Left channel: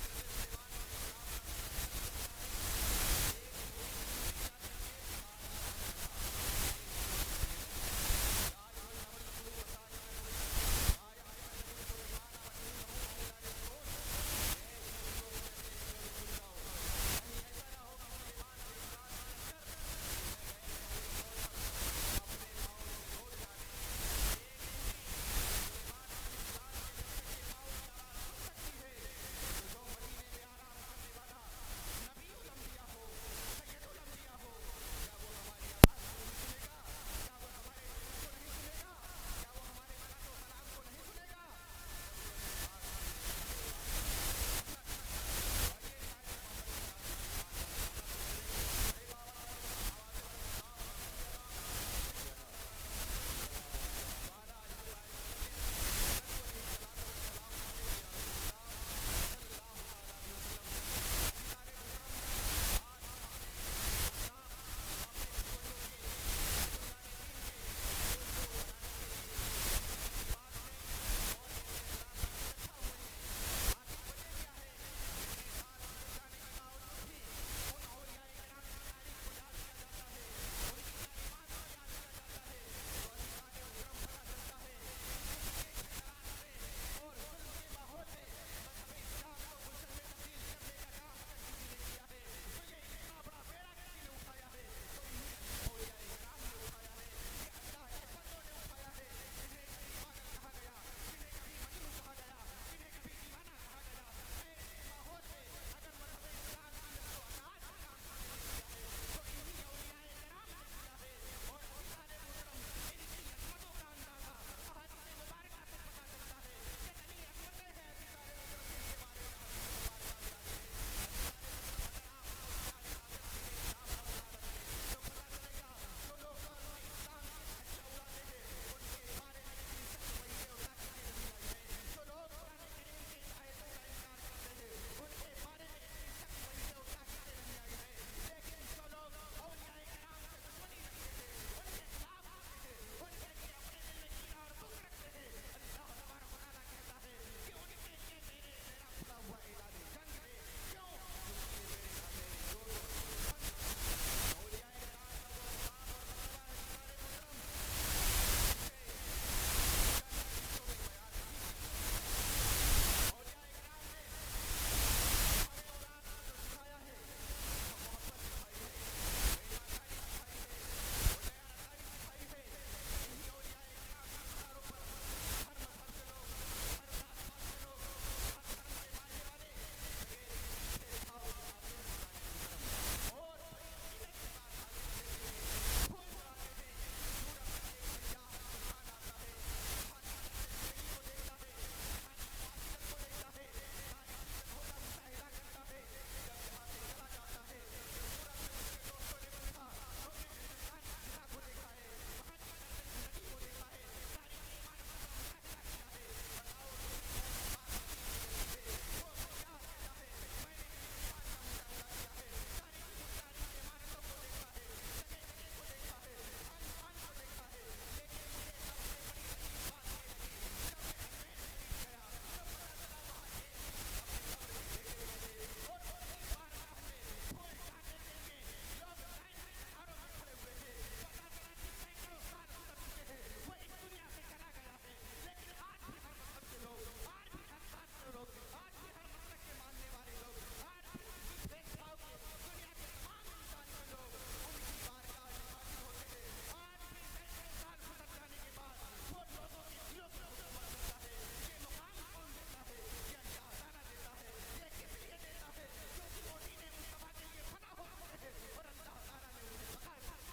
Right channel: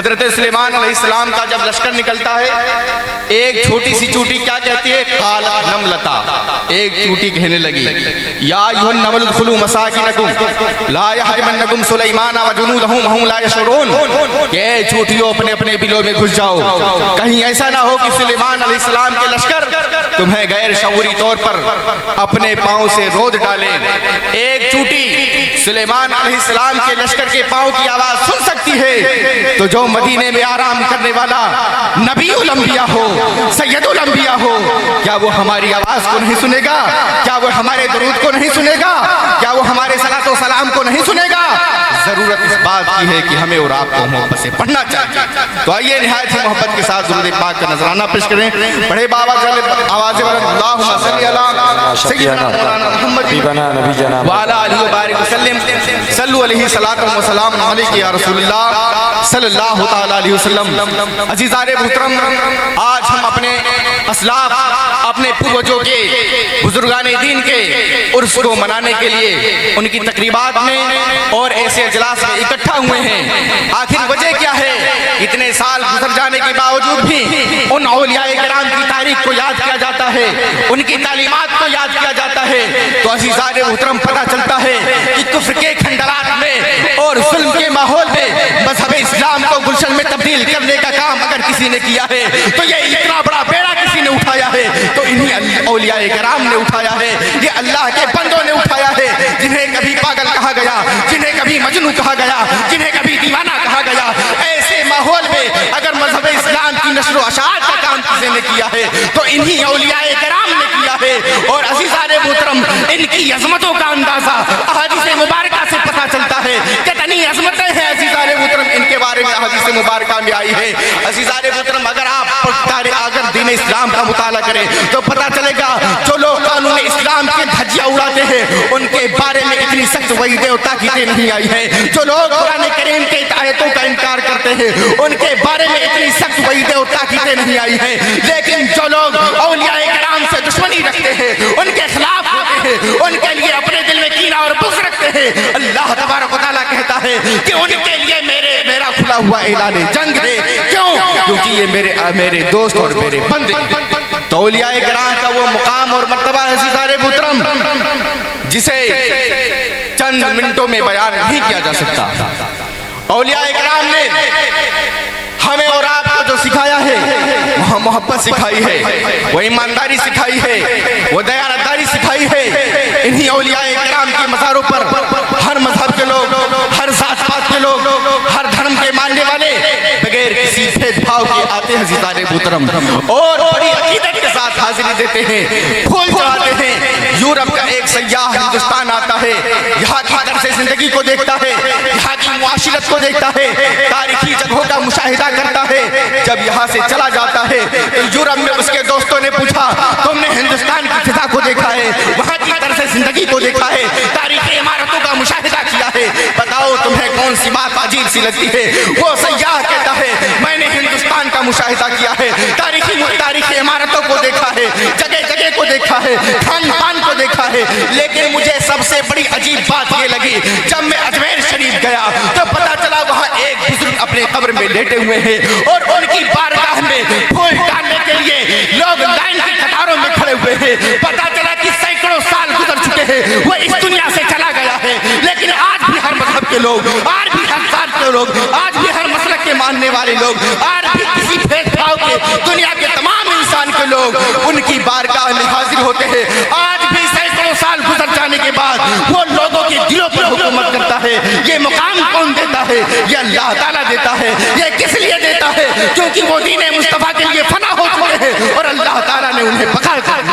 حضرت سلیمان علیہ السلام کا جب لشکر نکلتا ہے، ایک چھوٹی سی چوٹی کیا کہتی ہے؟ قالت نملتا، ایک چوٹی کہنے لگی یا ایھا النمل ادخلوا مساکنکم لا یحطمنکم سلیمان وجنودہ وہم لا یشعرون، کہ اے چوٹیوں اپنے اپنے بلوں میں گھس جاؤ، کہیں ایسا نہ ہو کہ سلیمان علیہ السلام کے لشکر تمہیں غیر شعوری طور پر اپنے پاؤں سے رود ڈالیں۔ ایک چوٹی سلیمان علیہ السلام کے لشکر کے پاؤں کی آواز سن سکتی ہے، تو جو مدینے میں آرام کرنے والا نبی الانبیاء ہو، سید الانبیاء ہو، کیا وہ ہماری آواز کو نہیں سنے گا؟ کیا وہ ہمارے درود کو نہیں سنے گا؟ کیا وہ ہمارے صلاۃ و سلام کو نہیں سنے گا؟ ضرورت اس بات کی ہے کہ ہمیں اور آپ کو محبت سے پڑھنا چاہیے۔ تو آئیے نہایت ہی محبت کے ساتھ درود پاک کا نذرانہ پیش کریں۔ بڑے بابا آواز بلند اللہم صلی علی سیدنا مولانا محمد وعلی آلہ وبارک وسلم، صلو علیہ صلاۃ و سلام علیک یا رسول اللہ صلی اللہ تعالی علیہ وسلم۔ عزیزان محترم، آج ہم اپنے اسلاف، اپنے پوروجوں کے، بزرگان دین کے عرس کو منانے کے لیے ان کی تقریبات میں اور ایسے اجلاس میں اکٹھا ہوئے ہیں۔ آخر وجہ کیا ہے؟ اتنے سال گزر جانے کے باوجود بھی ان اولیاء کرام کی تاریخ کو یاد کیا جاتا ہے، ان کی تعلیمات کو یاد کیا جاتا ہے، تو عزیزان محترم پتہ چلتا ہے کہ کفر کے کھنڈرات میں اور ظلم کے ماحول میں مذہب اسلام کو گلشن میں تبدیل کرنے کا کام اگر کسی نے کیا ہے تو یہ اتنا بڑا بیڑا کسی نے اٹھایا ہے تو انہی اولیاء کرام نے اٹھایا ہے، یہ اللہ کے بندوں نے اٹھایا ہے، جنہیں کبھی پاگل کہا گیا، جنہیں کبھی مجنون کہا گیا، جنہیں کبھی دیوانہ کہا گیا۔ ایسے ماحول میں اگر مذہب اسلام کی نشر و اشاعت کا کام کسی نے کیا ہے تو انہی اولیاء کرام نے کیا ہے۔ اور عزیزان محترم، ان کی عظمتوں کا اندازہ احادیث مبارکہ سے پتہ چلتا ہے، کتنی عظمتیں ہیں عزیزان محترم ان کے بارے میں احادیث مبارکہ میں آئی ہے۔ عزیزان محترم، اگر آپ اگر دین اسلام کا مطالعہ کریں تو پتہ چلے گا جو لوگ قانون اسلام کے دھجیاں اڑاتے ہیں ان کے بارے میں اتنی سخت وعیدیں اور تاکیدیں نہیں آئی ہیں، جو لوگ قرآن کریم کے آیتوں کا انکار کرتے ہیں ان کے بارے میں اتنی سخت وعیدیں اور تاکیدیں نہیں آئی ہیں، لیکن جو لوگ اولیاء کرام سے دشمنی رکھتے ہیں، ان کے خلاف ہوتے ہیں، ان کے لیے اپنے دل میں کینہ اور بغض رکھتے ہیں، اللہ تبارک و تعالیٰ کہتا ہے کہ ان کے لیے میرا کھلا ہوا اعلان جنگ ہے۔ کیوں؟ کیونکہ یہ میرے دوست اور میرے بندے۔ تو اولیاء کرام کا وہ مقام اور مرتبہ ہے عزیزان محترم جسے چند منٹوں میں بیان نہیں کیا جا سکتا۔ اولیاء کرام نے ہمیں اور آپ کو جو سکھایا ہے وہ محبت سکھائی ہے، وہ ایمانداری سکھائی ہے، وہ دیانتداری سکھائی ہے۔ انہی اولیاء کرام کے مزاروں پر ہر مذہب کے لوگ، ہر ذات پات کے لوگ، ہر دھرم کے ماننے والے بغیر کسی بھید بھاؤ کے آتے ہیں عزیزان محترم، اور بڑی عقیدت کے ساتھ حاضری دیتے ہیں، پھول چڑھاتے ہیں۔ یورپ کا ایک سیاح ہندوستان آتا ہے، یہاں کی طرز زندگی کو دیکھتا ہے، یہاں کی معاشرت کو دیکھتا ہے، تاریخی جگہوں کا مشاہدہ کرتا ہے۔ جب یہاں سے چلا جاتا ہے تو یورپ میں اس کے دوستوں نے پوچھا تم نے ہندوستان کی فضا کو دیکھا ہے، وہاں کی طرز زندگی کو دیکھا ہے، تاریخی عمارتوں کا مشاہدہ کیا ہے، بتاؤ تمہیں کون سی بات عجیب سی لگتی ہے؟ وہ سیاح کہتا ہے میں نے ہندوستان کا مشاہدہ کیا ہے، تاریخی عمارتوں کو دیکھا ہے، جگہ جگہ کو دیکھا ہے، کھان پان کو دیکھا ہے، لیکن مجھے سب سے بڑی عجیب بات یہ لگی جب میں اجمیر شریف گیا تو پتا چلا وہاں ایک بزرگ اپنے قبر میں لیٹے ہوئے ہیں اور ان کی بارگاہ میں پھول ڈالنے کے لیے لوگ لائن کی قطاروں میں کھڑے ہوئے ہیں۔ پتا چلا کہ سینکڑوں سال گزر چکے ہیں، وہ اس دنیا سے چلا گیا ہے، لیکن آج بھی ہر مذہب کے لوگ، آج بھی ہر ذات کے لوگ، آج بھی ہر مسلک کے ماننے والے لوگ، آج بھی کسی بھید بھاؤ کے دنیا کے تمام انسان کے لوگ ان کی بارگاہ میں حاضر ہوتے ہیں۔ آج بھی سینکڑوں سال گزر جانے کے بعد وہ لوگوں کے دلوں پر حکومت کرتا ہے۔ یہ مقام کون دیتا ہے؟ یہ اللہ تعالیٰ دیتا ہے۔ یہ کس لیے دیتا ہے؟ کیونکہ وہ دین مصطفیٰ کے لیے فنا ہو چکے ہیں اور اللہ تعالیٰ نے انہیں پکڑ کر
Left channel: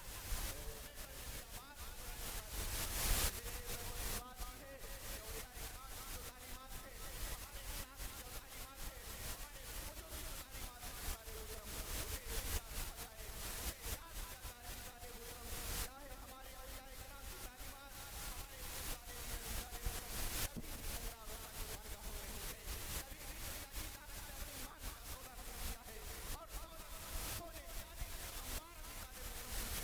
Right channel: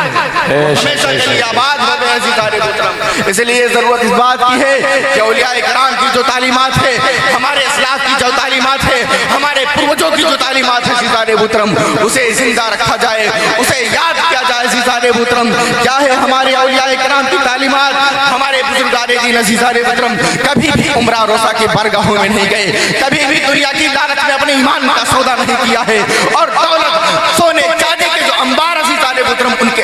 ہمیشہ کے لیے آباد ہو گئے عزیزان محترم۔ اس لیے ضرورت اس بات کی ہے کہ اولیاء کرام کی جو تعلیمات ہے، ہمارے اسلاف کی جو تعلیمات ہے، ہمارے پروجوں کی جو تعلیمات ہے عزیزان محترم، اسے زندہ رکھا جائے، اسے یاد کیا جائے عزیزان محترم۔ کیا ہے ہمارے اولیاء کرام کی تعلیمات؟ ہمارے بزرگان دین عزیزان محترم کبھی بھی عمرہ روزہ کے بارگاہوں میں نہیں گئے، کبھی بھی دنیا کی لالچ میں اپنے ایمان کا سودا نہیں کیا ہے، اور دولت، سونے چاندی کے جو انبار عزیزان محترم ان کے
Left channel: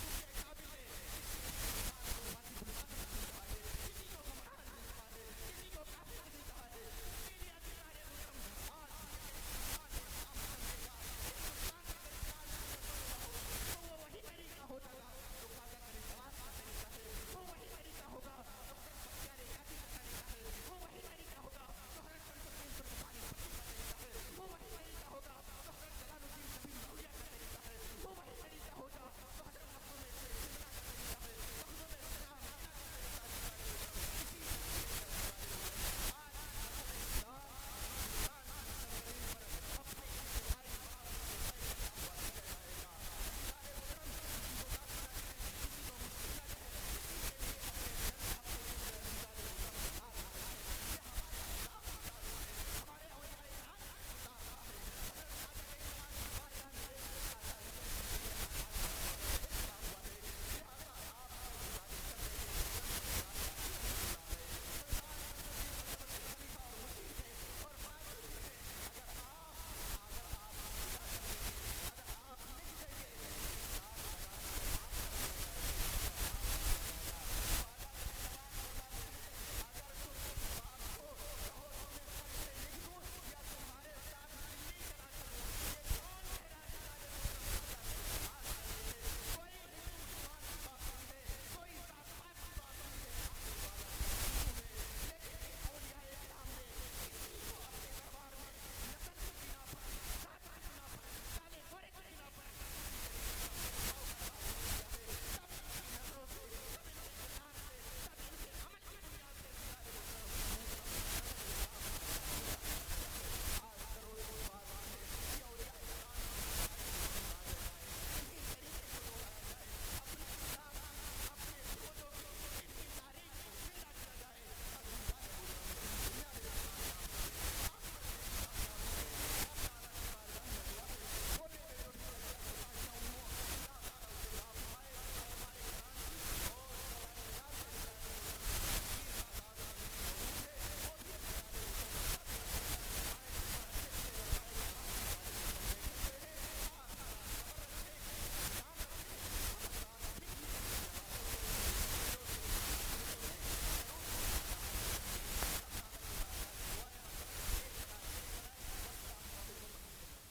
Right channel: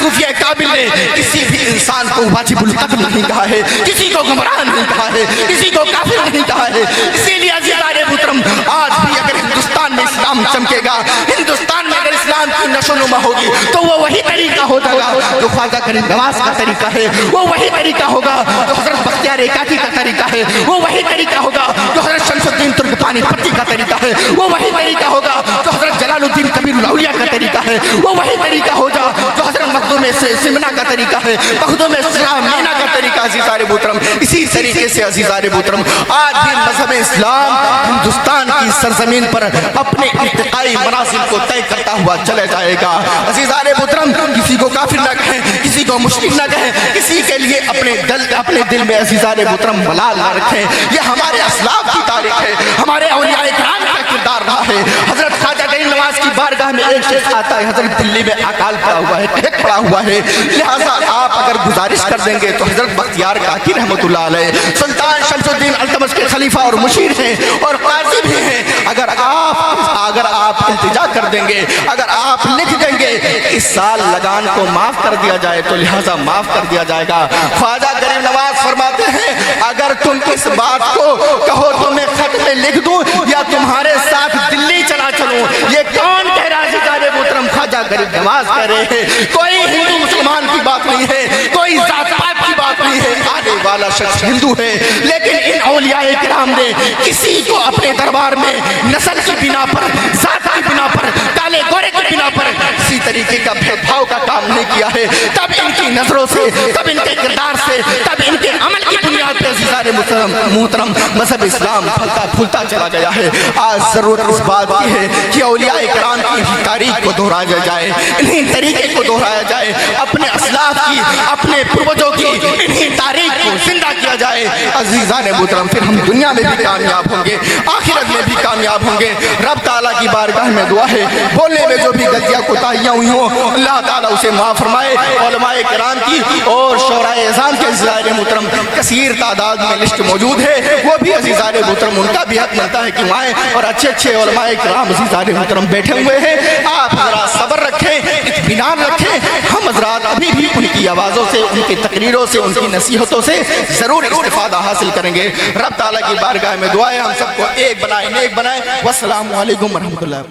صوفیہ کامل نے کسی بھی انسان کو واجب القتل نہیں کہا ہے، کسی کو گمراہ نہیں کہا ہے، کسی کو کافر نہیں کہا ہے۔ اسی لیے عزیزان محترم آج بھی اگر ہندوستان میں اسلام چمکے گا، ہندوستان میں اگر اسلام کی نشو و نما ہوگی تو وہ وہی طریقہ ہوگا جو خواجہ غریب نواز کا طریقہ ہے، وہ وہی طریقہ ہوگا جو حضرت بختیار ایکاکی کا طریقہ ہے، وہ وہی طریقہ ہوگا جو حضرت شمس الدین ترکمانی پٹی کا طریقہ ہے، وہ وہی طریقہ ہوگا جو حضرت جلال الدین کبیر الاولیاء کا طریقہ ہے، وہ وہی طریقہ ہوگا جو حضرت مخدوم سمنا کا طریقہ ہے، مخدوم مینا کا طریقہ عزیزان محترم۔ اسی طریقے سے عزیزان محترم آج بھی مذہب اسلام ہندوستان کی سرزمین پر اپنے ارتقائی منازل کو طے کرتا ہوا چلے جائے گا۔ عزیزان محترم کسی کو کافر نہ کہیں، کسی کو مشرک نہ کہیں، کسی کے لیے اپنے دل میں عزیزان محترم ملال نہ رکھیں۔ یہ ہمارے اسلاف کی تاریخ ہے، ہمارے اولیاء کرام کا کردار رہا ہے۔ حضرت خواجہ غریب نواز کی بارگاہ میں ایک شخص آتا ہے، حضرت دلی میں اکال پڑا ہوا ہے، ٹھیک پڑا ہوا ہے، لہٰذا آپ اگر گزارش کر دیں گے تو حضرت بختیار کاکی رحمت اللہ علیہ سلطان شمس الدین التمش کے خلیفہ اور مشیر ہیں اور قاضی بھی ہیں، اگر آپ التجا کر دیں گے، اگر آپ لکھ دیں گے اس سال لگان کو معاف کر دیا جائے تو لہٰذا معاف کر دیا جائے گا۔ خواجہ غریب نواز فرماتے ہیں اگر تم اس بات کو کہو تو میں خط میں لکھ دوں یا تمہارے ساتھ دلی چلا چلوں۔ یہ کون کہہ رہا ہے عزیزان محترم؟ خواجہ غریب نواز کہہ رہے ہیں۔ کوئی ہندو مسلمان کی بات نہیں ہے، کوئی ذات پات کی بات نہیں ہے، آنے والا شخص ہندو ہے، لیکن ان اولیاء کرام نے کسی کو اپنے دربار میں نسل کی بنا پر، ذات کی بنا پر، کالے گورے کی بنا پر کسی طریقے کا بھید بھاؤ کا کام نہیں کیا ہے۔ تب ان کی نظروں سے، تب ان کے کردار سے، تب ان کے عمل کی بنیاد پہ عزیزان محترم مذہب اسلام پھلتا پھولتا چلا گیا ہے۔ آج ضرورت اس بات کی ہے کہ اولیاء کرام کی تاریخ کو دہرایا جائے، انہیں طریقے کو دہرایا جائے، اپنے اسلاف کی، اپنے پروجوں کی انہیں تاریخ کو زندہ کیا جائے۔ عزیزان محترم پھر ہم دنیا میں بھی کامیاب ہوں گے، آخرت میں بھی کامیاب ہوں گے۔ رب تعالیٰ کی بارگاہ میں دعا ہے بولنے میں جو بھی غلطیاں کوتاہیاں ہوئی ہوں اللہ تعالیٰ اسے معاف فرمائے۔ علماء کرام کی اور شعراء اذان کے عزیزان محترم کثیر تعداد میں لسٹ موجود ہے، وہ بھی عزیزان محترم ان کا بھی حق ملتا ہے کہ وہاں اور اچھے علماء کرام عزیزان محترم بیٹھے ہوئے ہیں۔ آپ حضرات صبر رکھیں، اطمینان رکھیں، ہم حضرات ابھی بھی ان کی آوازوں سے، ان کی تقریروں سے، ان کی نصیحتوں سے ضرور استفادہ حاصل کریں گے۔ رب تعالیٰ کی بارگاہ میں دعا ہے ہم سب کو ایک بنائے، نیک بنائے۔ والسلام علیکم ورحمۃ اللہ۔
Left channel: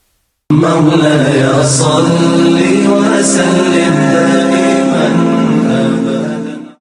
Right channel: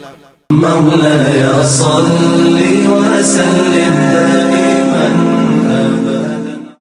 مولاي صل وسلم دائما